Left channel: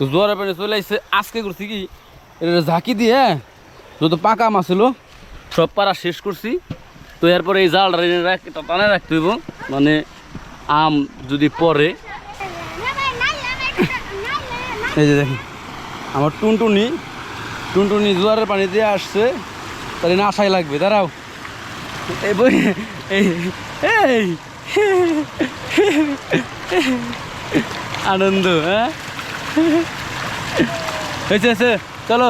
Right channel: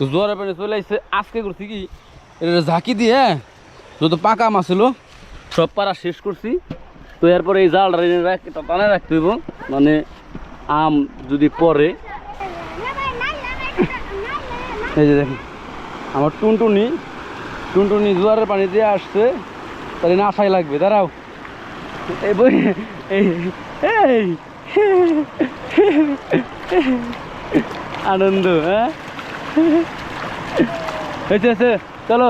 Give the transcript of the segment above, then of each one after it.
তো জোয়ারের পানি চলে আসছে আজকে করছি কি এটা ঝাঁকি দিয়ে হ্যাঁ, যত পাকা মাছ সব পাড়া শেষ করছি। তো এরপরে এই জালটা টানে রাখতে হইব। মানে আম যদি পরে এই যে দেখুন আমার টুনটুনি টুনটুনি জোয়ারের পানি দিয়ে আসছে। তাহলে না আশাই লাগবে দাঁড়াও। এই বই এই আনন্দ হ্যাঁ? হয়েছে হয়েছে চলো।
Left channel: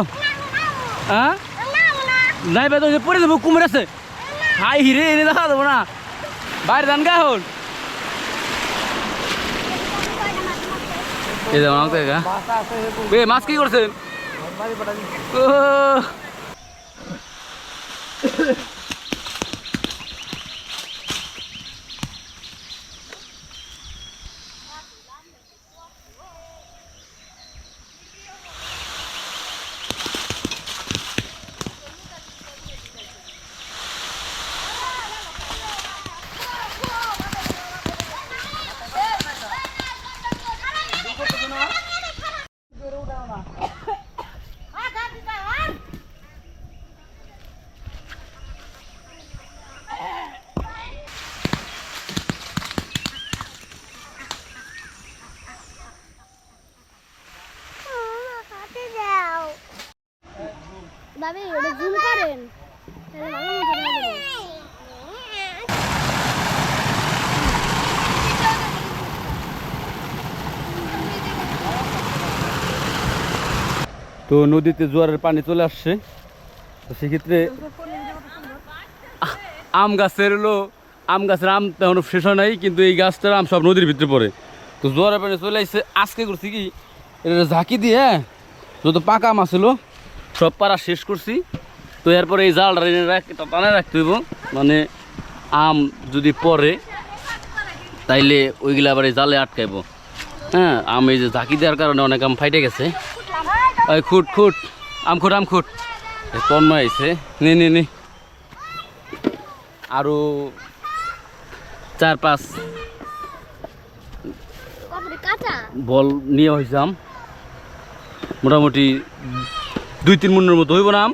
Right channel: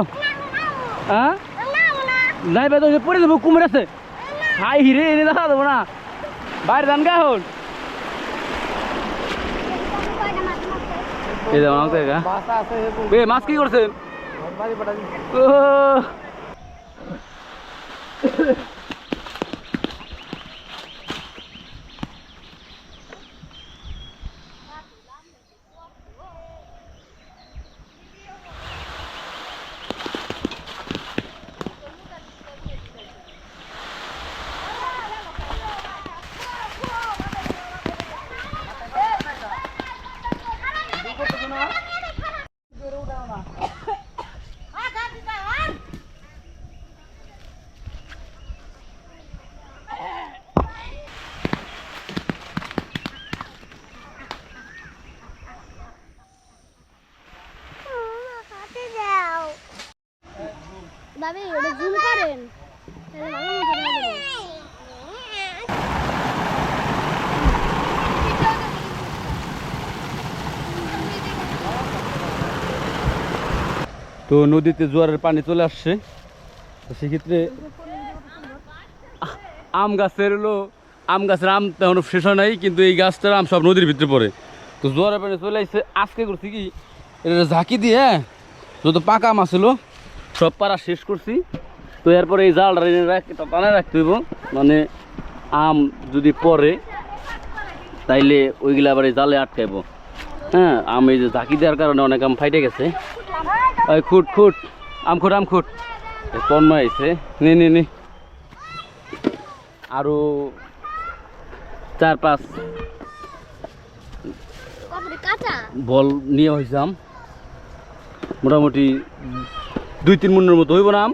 হ্যাঁ নাই ভাই তো পড়ে দেবো কুমির আছে। হাই হিরে এনে দেখা দেবো না। বাইরে যান গা বে, মাছ কি করছেন ও ভাবি ওটা জুম করেন তাহলে ভালো মতো দেখা যাবে। তো নদীতে জোয়ারের পানি চলে আসছে। তো সেক্ষেত্রে আম গাছের হলো আম গাছের আম তেমন শেষ হয় নাই কিন্তু এই গাছটার আম সব নদীর ভিতরে পড়ে। তো জোয়ারের পানি চলে আসছে আজকে করছি কি এটা ঝাঁকি দিয়ে হ্যাঁ, যত পাকা মাছ ছিল সব পাড়া শেষ করছি। তো এরপরে এই এনে রাখ টানে রাখতে হইব মানে আম যদি পরে তাইলে ওইগুলা আবার এই জালে আটকাইব। হ্যাঁ আম এই যে ঝাঁকি দেওয়ার কারণে অনেক আম ফাইটে গেছে। ওই খুট খুট। আম খুট আম খুট। তন্ময় আইছে। নে নে নে। আরও চার পাঁচ বল নিয়ে হয়েছিলাম মোটামুটি দুই তিন মনের মতো হইব না আম।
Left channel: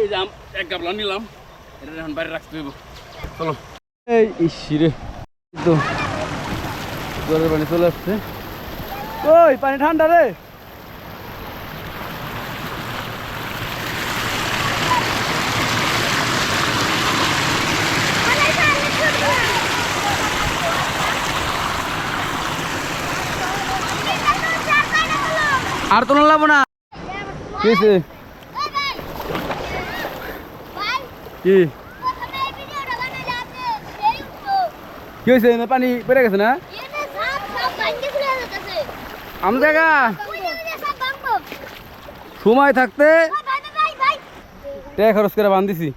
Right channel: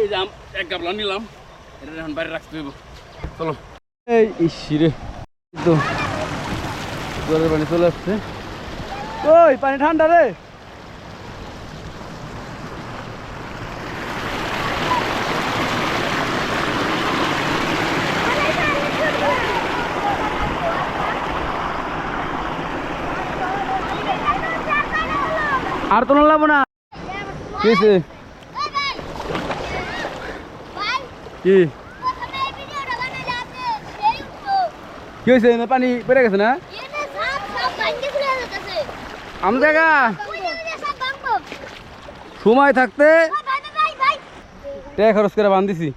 এই যে আম এক গাবলা নিলাম। এটা এখন বাইরে রাখতে হইব। চলো। এই ইসিরে তো। জলের পানি চলে আসছে। ওই পানি ঠান্ডা রে। আর তো লাগবো না। কি হয়েছে কি? হয়েছে না পানি বেড়ে গেছে না? আম জায়গা। সময় থাকতে টাকা খরচ করে বান্ধিছি।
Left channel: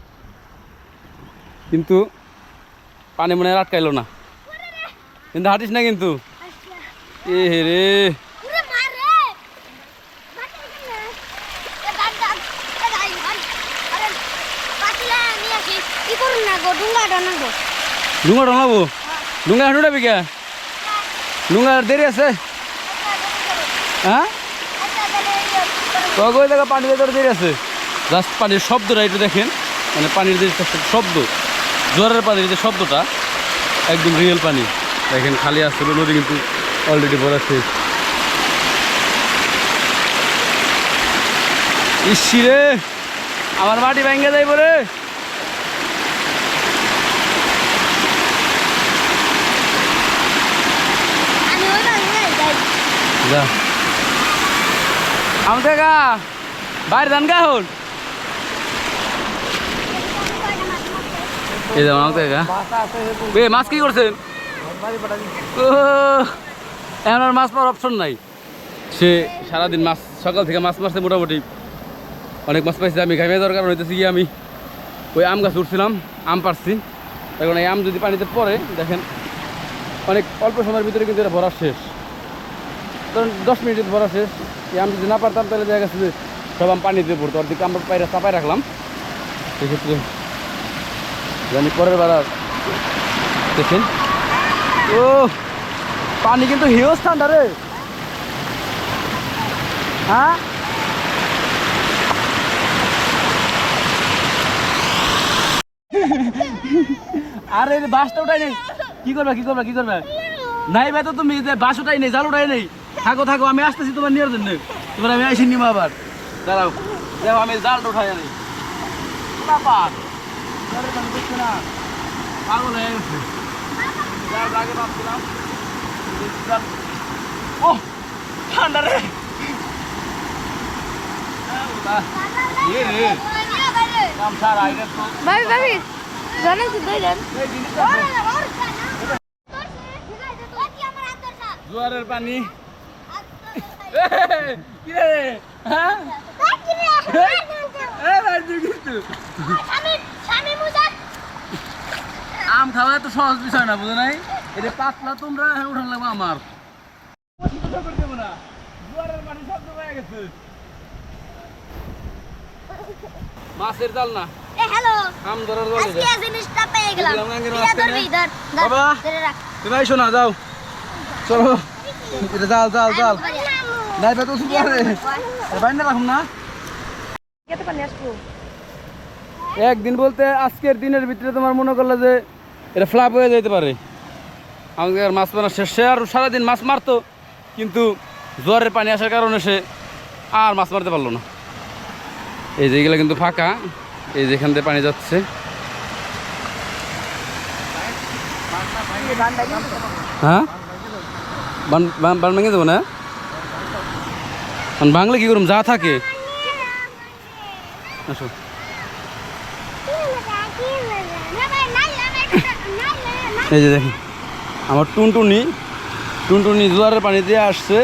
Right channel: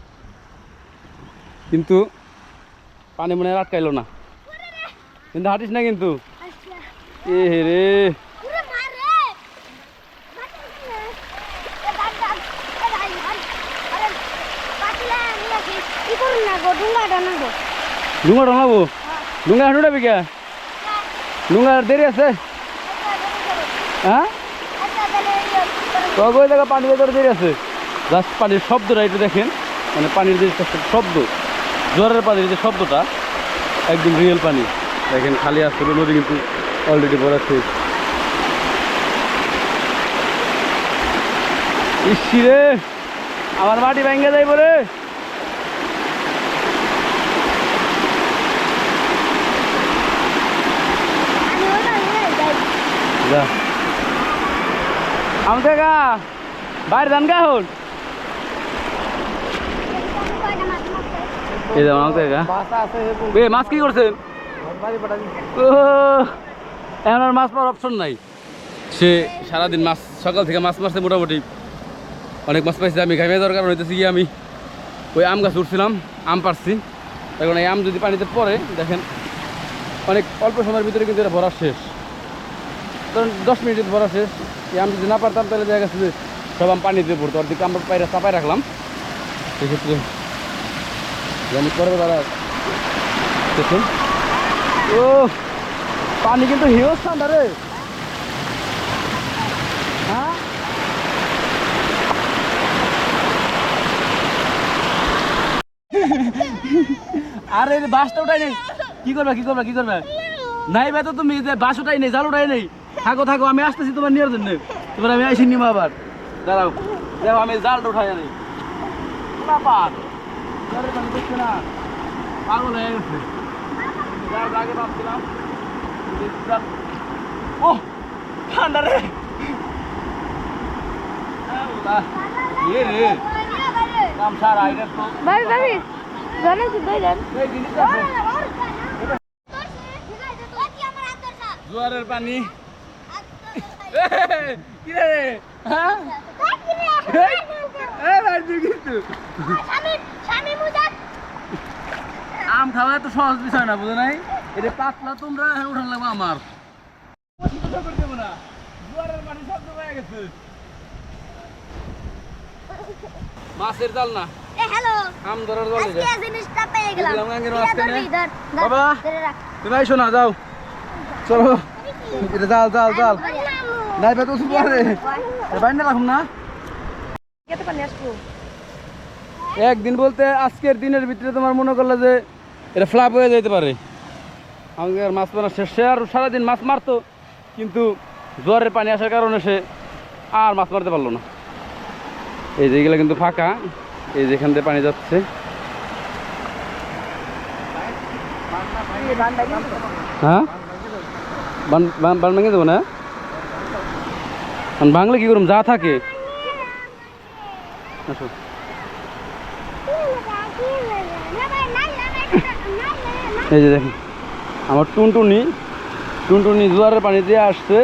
কিন্তু পানি মনে আটকাইলো না। কিন্তু হাঁটিস না কিন্তু। এ হে রে। ডুঙ্গা ঢলাবো ডুঙ্গা হাঁটু ডাবি কে ডুঙ্গা দেরি আছে? হ্যাঁ? ওই জায়গা পানি ভেতরে দেরি আছে। জাস্ট পানির শব্দটা একটু দেখেন। মানে পানির যে শব্দ জোয়ারের পানির যে শব্দটা একদম রিয়েল পানি। দেখেন খালি আসছিল নদী কিন্তু অলরেডি ভরা শেষ। ইসি রে! আমার মাটি ভেঙে যাইব রে! আম দেখা বাইরে যান গা হন এই যাও আম দেখা বে মাছ কি করছেন এখন আর মাছ পাওয়ার অপশন নাই। সে সারাদিন মাছ সকাল থেকে মাছ মারছে মোটামুটি। অনেক মাছ পাইছে আমি ঘামিয়ে দরকার হইতেছে কি আমি ওই আম গাছ উঠছিলাম আম পারছি এখন এই আম যদি পানিতে পড়ে দেখেন অনেক অল্প সময়ের ভিতরে কিন্তু এটা ভরা শেষ। ধরুন দশ মিনিটের ভরা শেষ আম যদি না পারতাম তাহলে দেখা গেছে যে সব আম পানিতে পড়তো। অর্ধেক আমরা পায়রা চাপায় রাখলাম। সেক্ষেত্রে আমি পরের আর দেখুন ও, পানি কিন্তু হিউজ ঠান্ডা রে। হ্যাঁ? আরে বাসটা উঠাই নেই। কি করবে কি করবে কি করবে? নাই ভাই তো তুমি বাস উঠাই নেই, জাল উঠাই নেই। থাকো থাকো আমি আসতেছি তোমার নিয়ে জন্য। তোমার আমি আইসি নিমা আবার। দাঁড়াও। দেখো আমি জালটা উঠাই আনি। পাগল হয়ে গেছে। জাল আগে ভাবছিলাম ও ঠান্ডা রে। ভাবি ভাবি জানেন তো দই দেন। জোয়ারের পানি এই, কি রে হ্যাঁ এই, রাজু কিন্তু। আম খাওয়া তো সহজ বিষয় না বুঝো নাই এটা পাতলা তোমরা হ্যাঁ উঠান লাগবে আমার হয়ে মাছের জাল না আম ধরার জল জিনিসটা পেয়ে গেলাম বাবা। তুমি আইসো না যাও চলো জাল জাল জাল নাই বেতো শুধু আরে বাইন না রাখুন না? একদিন বলতে আজকের দিনের ভিতরে তোমার মনে করলে যে এটা ফ্লাপ হয়ে যেতে পারে। আমাদের মাছ মারা শেষ আর সারাদিন মাছ মারতো, কিন্তু জ্বরের পানি আসার কারণে সে আর মাছ মারতে পারল না। এই যে এগুলো কিন্তু ফাঁকা, এই যেখান দিয়ে পানি যাচ্ছে। হ্যাঁ? বান বান- ভেঙে দেবো না? বাংলা কি করুম? যা থাকে। এই যে দেখেন, আমার টুনটুনি টুনটুনি জোয়ারের পানি দিয়ে আসছে,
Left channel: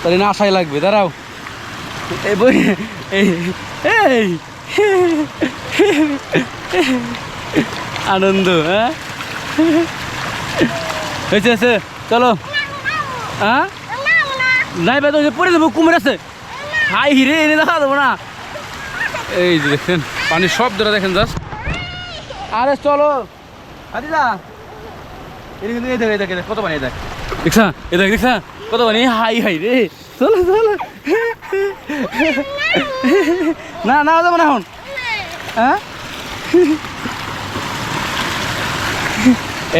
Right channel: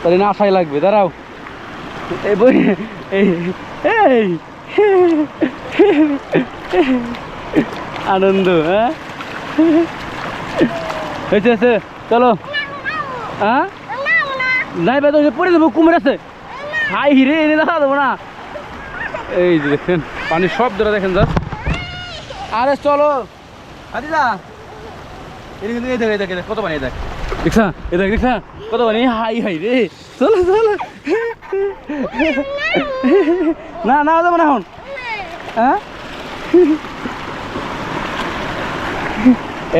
তাহলে না আশাই লাগবে। দাঁড়াও। এই বই, এই আনন্দ হ্যাঁ? হয়েছে। চলো। হ্যাঁ? নাই ভাই বেদ পড়ে দেবো কুমির আছে। হাই হিরে এনে দেখা দেবো না। এই যে দেখেন পানির শব্দটা দেখেন জাস্ট আরে চলো। আদিদা এটা কিন্তু এই দেখ এই দেখ এই দেখ, কত পানি এই দেখ। দেখছা? এই দেখ দেখছা? কত পানি? হাই হাই রে। চলো চলো। না না যাব না এখন। হ্যাঁ?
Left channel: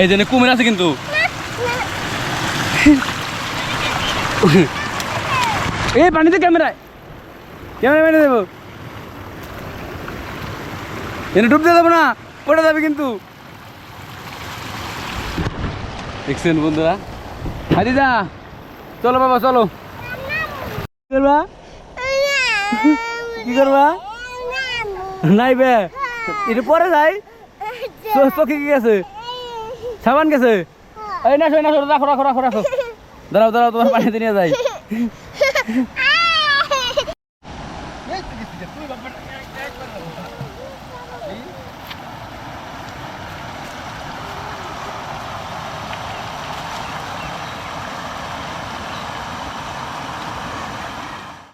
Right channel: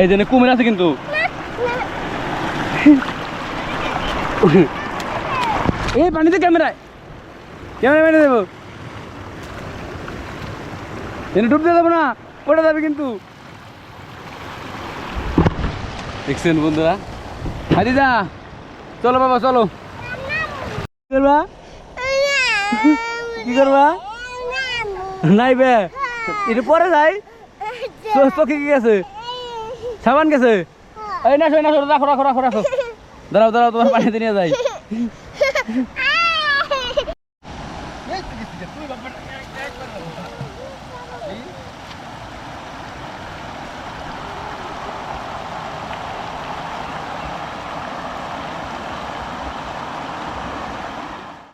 এই জন্য কুমির আছে কিন্তু। এই পানিতে ক্যামেরায়। ক্যামেরা মেরে দেবো। এনে ডুব দিয়ে দেবো না পড়ে যাবে কিন্তু। দেখছেন বন্ধুরা? হাদিদা চলো বাবা চলো। কি করবা? কি করবা? নাই বে। এটা পরে যাই। চোখে কি গেছে সাবান গেছে? এই না না রাখো রাখো রাখো রাখো। দাঁড়াও দাঁড়াও তোমার পানিতে নিয়ে যাই। Ne istedin? Dur bak